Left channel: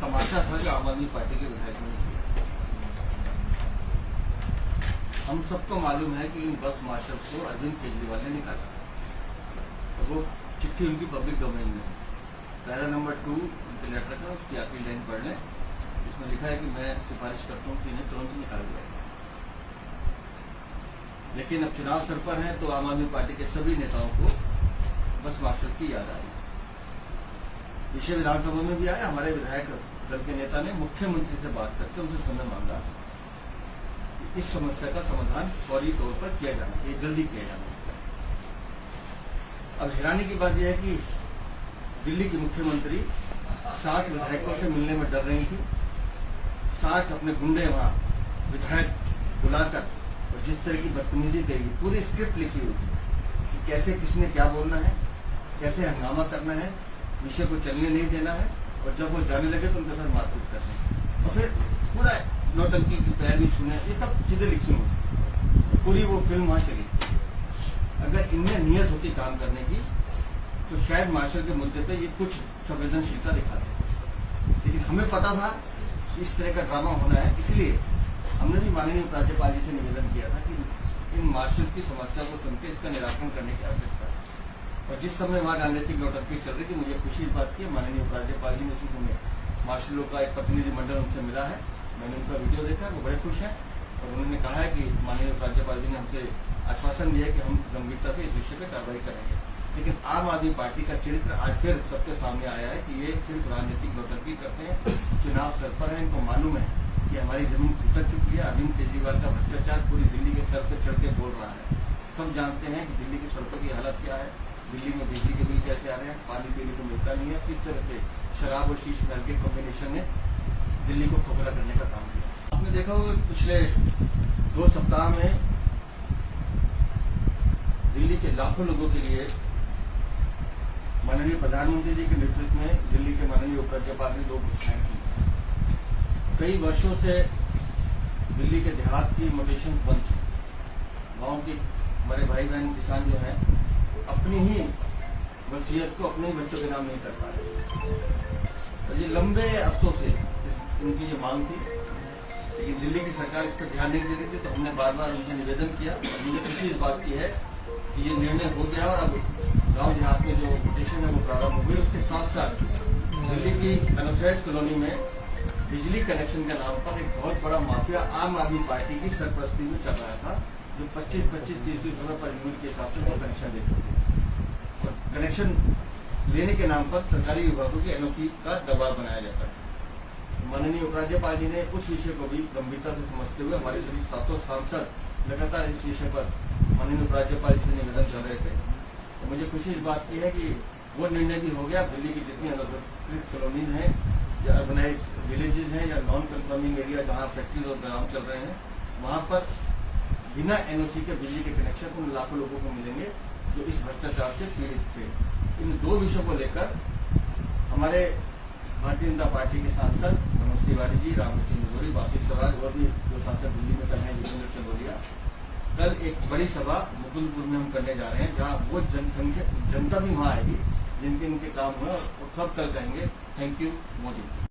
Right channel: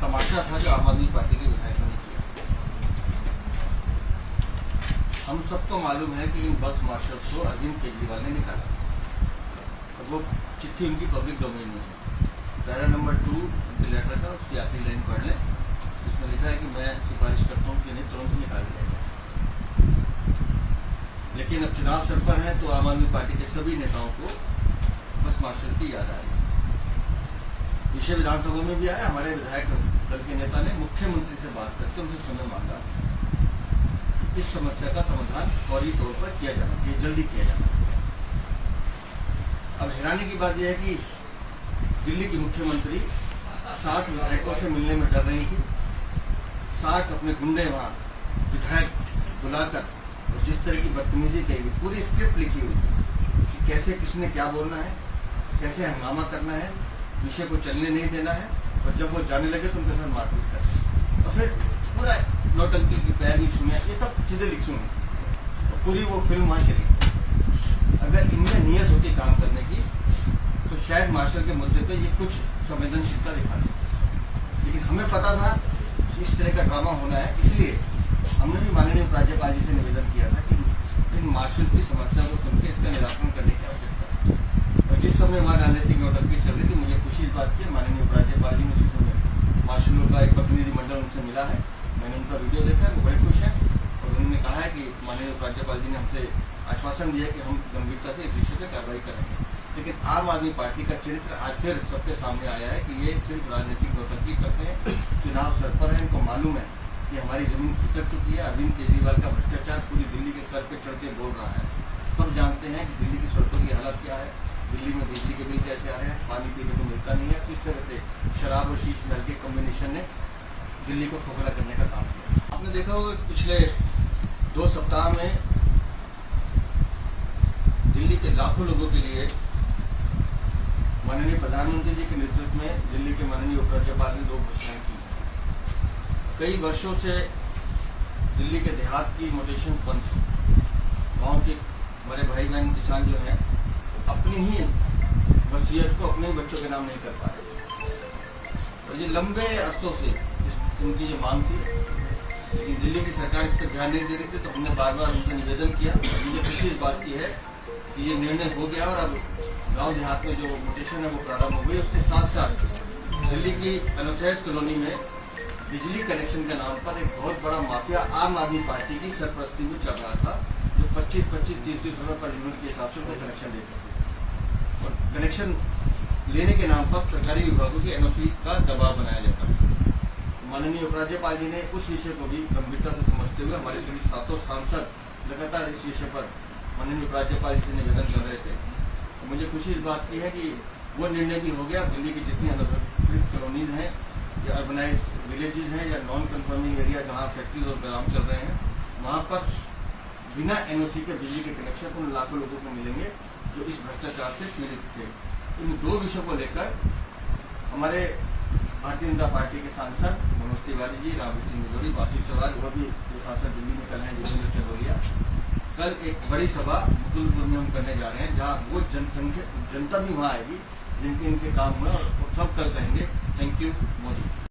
तमाशा था जो आम आदमी पार्टी के विधायकों ने किया। हम सबको मालूम है कि इन बस मार्शल्स को अरविंद केजरीवाल ने निकाला और वो चिट्ठी उनकी पब्लिक डोमेन में है। पैरा नंबर 2 उनके लेटर का, उसकी आखिरी लाइन पढ़ लें, जिसमें लिखा है कि मैं सिफारिश करता हूं कि इन्हें तुरंत निकाल दिया जाए। लेकिन अब चुनाव सर पर है तो आम आदमी पार्टी के सभी नेताओं को बस मार्शल की याद आ रही है। विषय विधानसभा में भी आया। हमारे विधायक दल के नेता ने मुख्यमंत्री से बात करके उनसे समय मांगा कि इस समस्या का समाधान फौरी तौर पर किया जाना चाहिए, जल्दी किया जाना चाहिए। अब हैरानी की बात यह है कि दिल्ली की मुख्यमंत्री 7 विधायकों से मिलने में डर रही थी। 60 अपने गुंडे वहां विधायक बुलाकर और जिस तरह की बदतमीजी कही, पूरी स्क्रिप्ट लिखी हुई कि कैसे किसने क्या बोलना है, कैसे हंगामा करना है, विषय को चलने नहीं देना है, और जब वो जाने लगे तो उनके साथ मारपीट करना है और फिर पूरा नौटंकी की पैर भी छूने, ये सब चीजें लिखी हुई। पूरी वो फिल्म वहां चली। अगर इनमें नियत होती काम करने की तो शायद मार्शल के मुद्दे पे ये कुछ संवेदनशीलता दिखाते। लेकिन हमें पता था कि इस तरह का ड्रामा होना है, इसलिए हमने भी माननीय राज्यपाल जी से निवेदन किया था कि इन मार्शल की समस्या को सुनकर इसका निराकरण करने की आवश्यकता है। और जिस समय वहां राजनीतिक नौटंकी चल रही थी, मुझे खुशी इस बात की, माननीय उपराज्यपाल जी ने उसी समय मार्शलों का एक प्रतिनिधिमंडल उनसे मिला है। मैंने उनका वीडियो देखा है, वो बड़े खुश हैं और उन्होंने कहा है कि माननीय उपराज्यपाल जी ने हमसे आश्वासन दिया कि हम गंभीरता से इस विषय पर कार्रवाई करेंगे। लेकिन आम आदमी पार्टी का चरित्र आज फिर सबके सामने आया है कि ये सिर्फ राजनीतिक नौटंकी करते हैं। चुनाव सर पर है, इनको मालूम है कि हमारी जमीन खिसक चुकी है। अरविंद केजरीवाल का भ्रष्टाचार पूरी दिल्ली के सर पे चढ़ के बोल रहा है। सब जानते हैं कि दिल्ली की सड़कों की हालत क्या है, दिल्ली में बिजली के बिल कैसे आ रहे हैं, पानी पीने को मिलता नहीं है, किस तरह से शराब और शीश महल के कॉम्बिनेशन ने दिल्ली को खोखला करने का काम किया। आपने देखा होगा पिछले 2 सप्ताह में दिल्ली के लाखों लोगों के लिए माननीय प्रधानमंत्री जी के नेतृत्व में दिल्ली के माननीय उपराज्यपाल ने 2 घोषणाएं की। कई वर्षों से दिल्ली के देहात की मोटेशन बंद थी। गांव के हमारे भाई बहन किसान जो हैं अपनी ही वसीयत को अपने बच्चों के नाम नहीं कर पा रहे और ये लंबे अरसों से उनकी ये मांग थी, लेकिन दिल्ली की सरकार इस पर ध्यान नहीं दे रही थी। तो हमने बार बार उनसे निवेदन किया और मुझे खुशी इस बात की है कि ये निर्णय हो गया और अब गांव देहात में जो मोटेशन है वो प्रारंभ हो गई। उसके साथ साथ दिल्ली की अनोथैस कॉलोनी में बिजली कनेक्शन के नाम पर एक बहुत बड़ा माफिया आम आदमी पार्टी की सरपरस्ती में चल रहा था, जो 25-25, 30-30 रुपए पर यूनिट के हिसाब से उनको कनेक्शन देते थे और कनेक्शन लेने के नाम पर सरकारी विभागों की एनओसी का दबाव बनाया जाता था। माननीय उपराज्यपाल जी ने उस विषय को भी गंभीरता से समझते हुए हमारे सभी 7 सांसद लगातार इस विषय पर माननीय उपराज्यपाल जी से निवेदन कर रहे थे। तो मुझे खुशी इस बात की है कि वो निर्णय भी हो गया। दिल्ली की जितनी अनधिकृत कॉलोनीज हैं या अर्बनाइज विलेजेस हैं या नॉन कन्फर्मिंग एरिया जहां फैक्ट्रीज और गोदाम चल रहे हैं, वहां पर बिना एनओसी के बिजली के कनेक्शन उन लाखों लोगों को मिलेंगे जो इस भ्रष्टाचार से पीड़ित थे। इन 2 विषयों को लेकर हमारे भारतीय जनता पार्टी के सांसद मनोज तिवारी जी, रामवृत सिंह निगोरी, वासिफ स्वराज और भी जो सांसद दिल्ली में कल हैं, जितेंद्र चंदोलिया, कल एक बड़ी सभा मुकुंदपुर में हम करने जा रहे हैं, जहां वो जनता भी वहां आएगी जिनके इनके काम हुए और सब कल कहेंगे थैंक यू मोदी।